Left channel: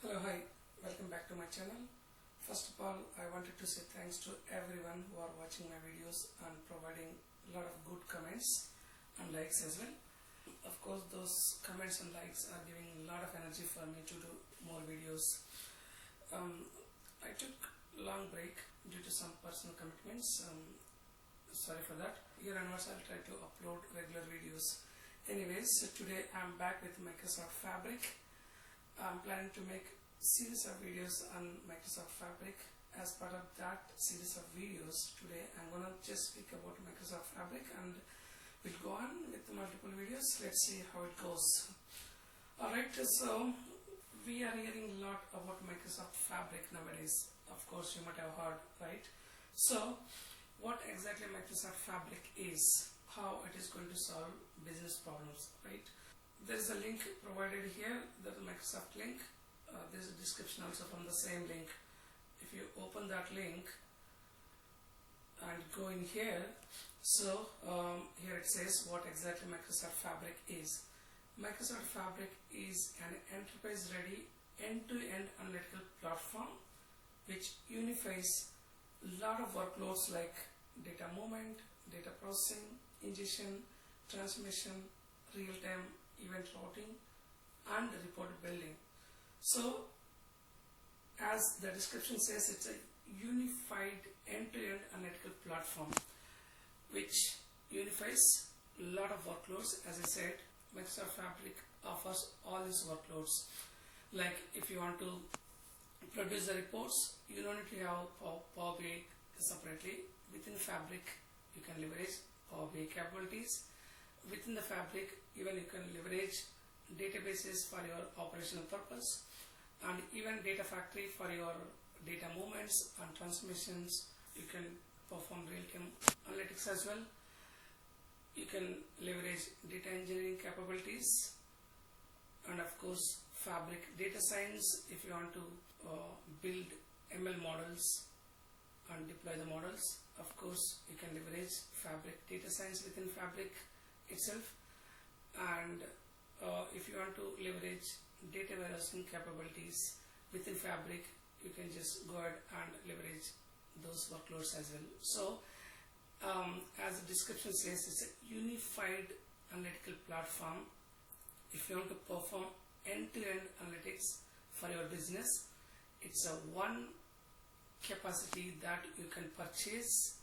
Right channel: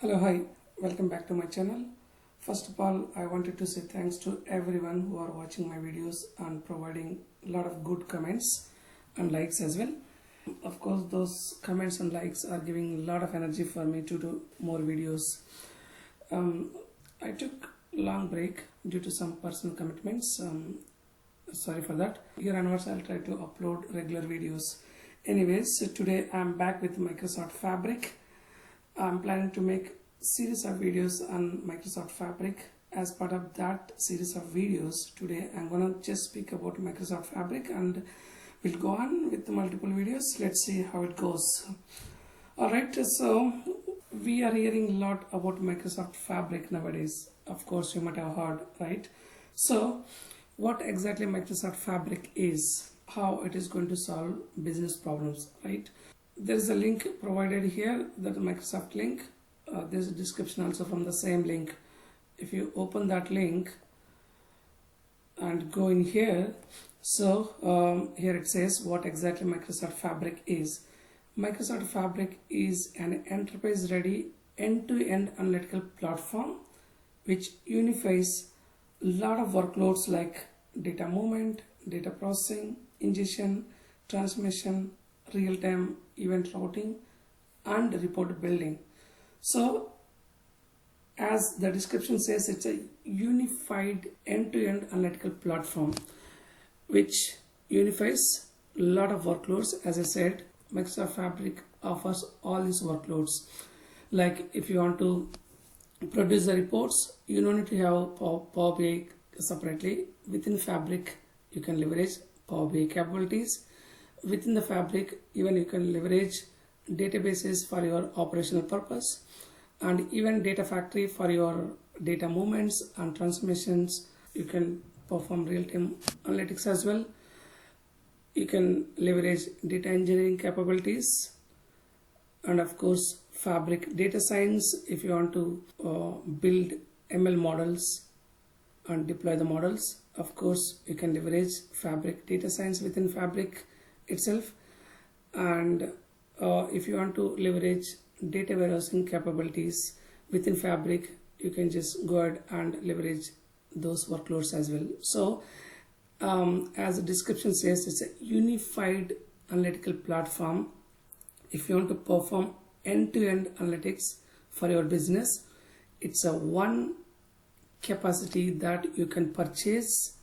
Hello, hi, welcome back to my channel. First of all, I wanted to say thanks to everyone who are watching my videos and providing a lot of good comments and likes as well. Of course, those comments and likes are giving a lot of energy for me to do more videos. I took long break due to some personal commitments. Sorry for that. Here onwards, I'll try to upload regular videos. Anyways, today I'm back with Microsoft Fabric. I'm planning to make series of videos on Microsoft Fabric. As part of that series of videos, today I'm gonna just speak about Microsoft Fabric and we'll go on with multiple videos. Let's see how it goes. Alright, so we are hearing a lot about Microsoft Fabric nowadays. Of course, you might have heard, right? So what exactly Microsoft Fabric is, how it is going to solve business problems, right? There is a link provided here, that Microsoft link. There's a description also from the same link. If you open that link and go in here, so here it says what exactly Microsoft Fabric is. Microsoft Fabric is an enterprise-ready end-to-end analytical platform which unifies a lot of workloads like data movement, data processing, ingestion, transmission, real-time event routing, and report building. So as the description says, it's a unified end-to-end analytical platform which unifies a lot of workloads. As I said, Microsoft Fabric offers all these workloads. Like if you want to produce the reports, you don't need to have Power BI separately. Within Fabric, you can leverage Power BI capabilities. Within the Fabric, even you can leverage databases for your operational purpose, and even Data Factory for your data movements and transmissions. You can perform real-time analytics as well. You can leverage data engineering capabilities, and of course Fabric data science if you want to build ML models and deploy the models. Of course, you can leverage Fabric data science within Fabric itself. And if you want to leverage data warehousing capabilities within Fabric, you can just go ahead and leverage those workloads as well. So as the description says, it's a unified analytical platform. If you want to perform end-to-end analytics for your business, it's a one capacity that you can purchase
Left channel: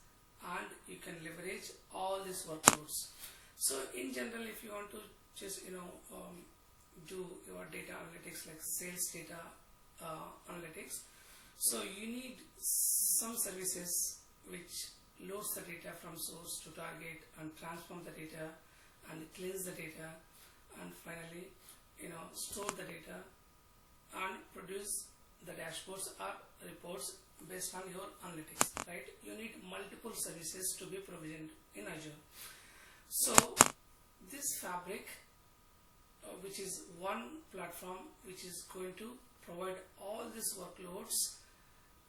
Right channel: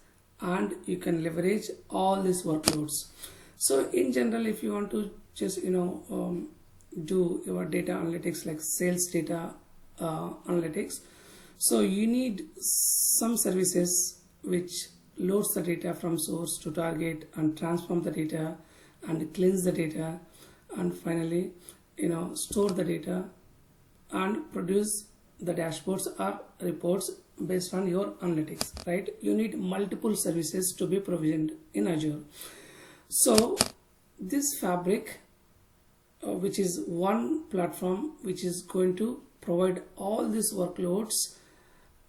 and you can leverage all these workloads. So in general, if you want to just do your data analytics like sales data analytics, so you need some services which loads the data from source to target and transform the data and cleanse the data and finally store the data and produce the dashboards or reports based on your analytics, right? You need multiple services to be provisioned in Azure. So this Fabric, which is one platform which is going to provide all these workloads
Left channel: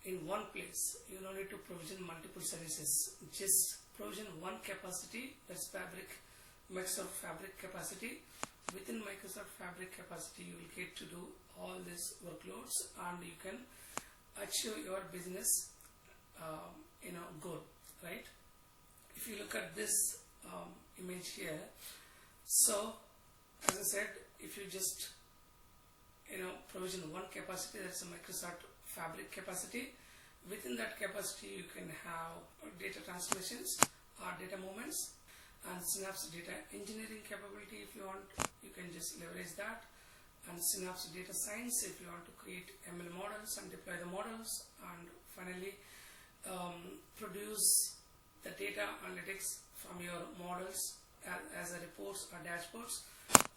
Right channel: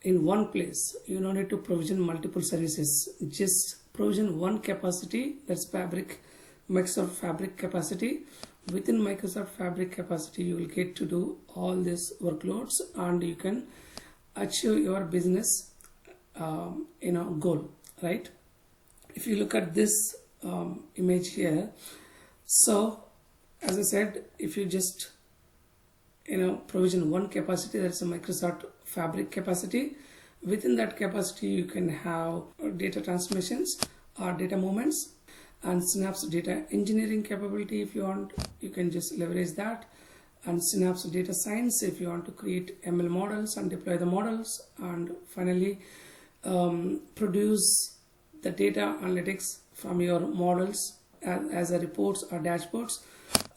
in one place. You don't need to provision multiple services, just provision one capacity, that's Fabric, Microsoft Fabric capacity. Within Microsoft Fabric capacity, you will get to do all these workloads and you can achieve your business goal, right? If you look at this image here, so as I said, if you just provision one capacity, that's a Microsoft Fabric capacity. Within that capacity, you can have data transmissions or data movements and Synapse data engineering capability. If you want, you can just leverage that, and Synapse data science if you want to create ML models and deploy the models, and finally produce the data analytics from your models as a reports or dashboards.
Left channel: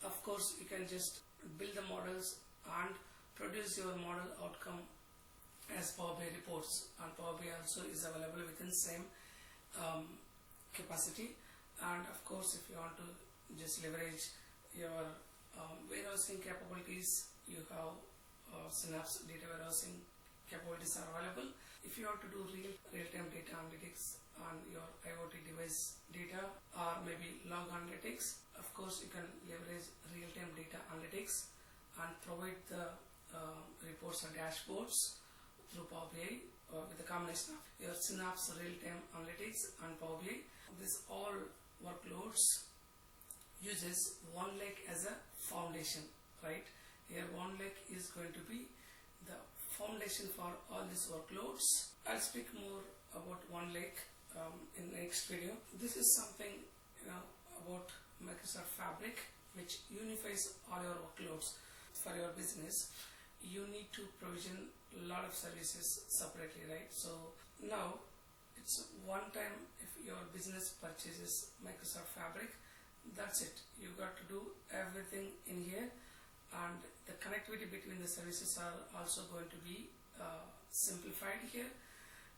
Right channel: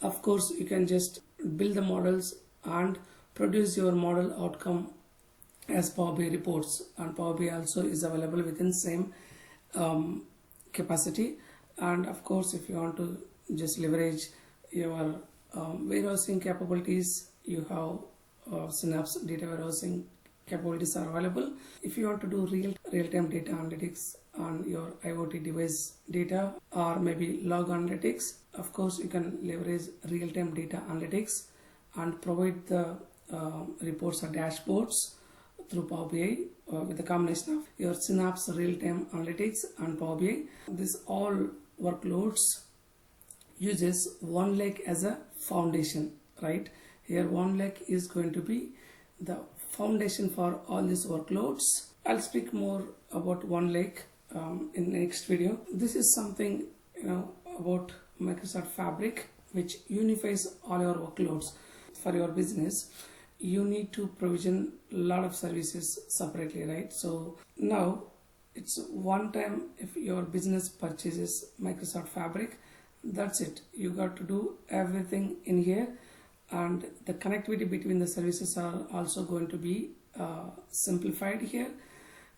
Of course, you can just build the models and produce your model outcome as Power BI reports, and Power BI also is available within same capacity. And of course, if you want to just leverage your warehousing capabilities, you have Synapse data warehousing capabilities are available. If you want to do real-time data analytics on your IoT device data or maybe log analytics, of course you can leverage real-time data analytics and provide the reports or dashboards through Power BI with a combination of your Synapse real-time analytics and Power BI. This all workloads uses OneLake as a foundation, right? Here OneLake is going to be the foundation for all these workloads. I'll speak more about OneLake in the next video. This is something about Microsoft Fabric, which unifies all your workloads for your business. You need to provision a lot of services separately, right? So now it's one time if your business purchases Microsoft Fabric, that's it. You got to do everything in here, and the connectivity between the services are also going to be simplified here,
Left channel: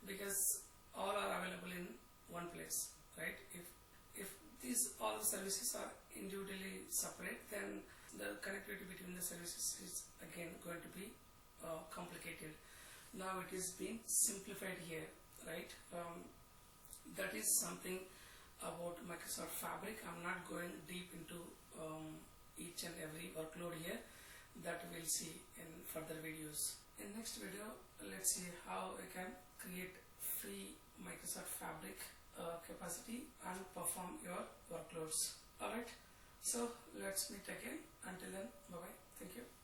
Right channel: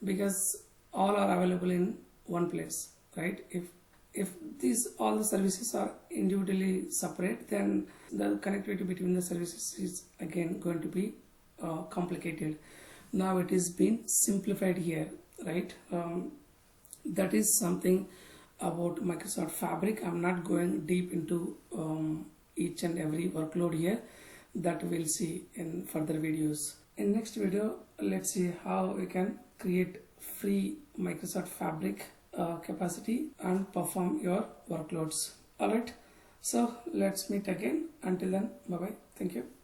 because all are available in one place, right? If these all the services are individually separate, then the connectivity between the services is again going to be complicated. Now it is being simplified here, right? That is something about Microsoft Fabric. I'm not going deep into each and every workload here. That we'll see in further videos. In next video, let's see how we can create free Microsoft Fabric capacity and perform your workloads. Alright, so let's meet again. Until then, bye bye. Thank you.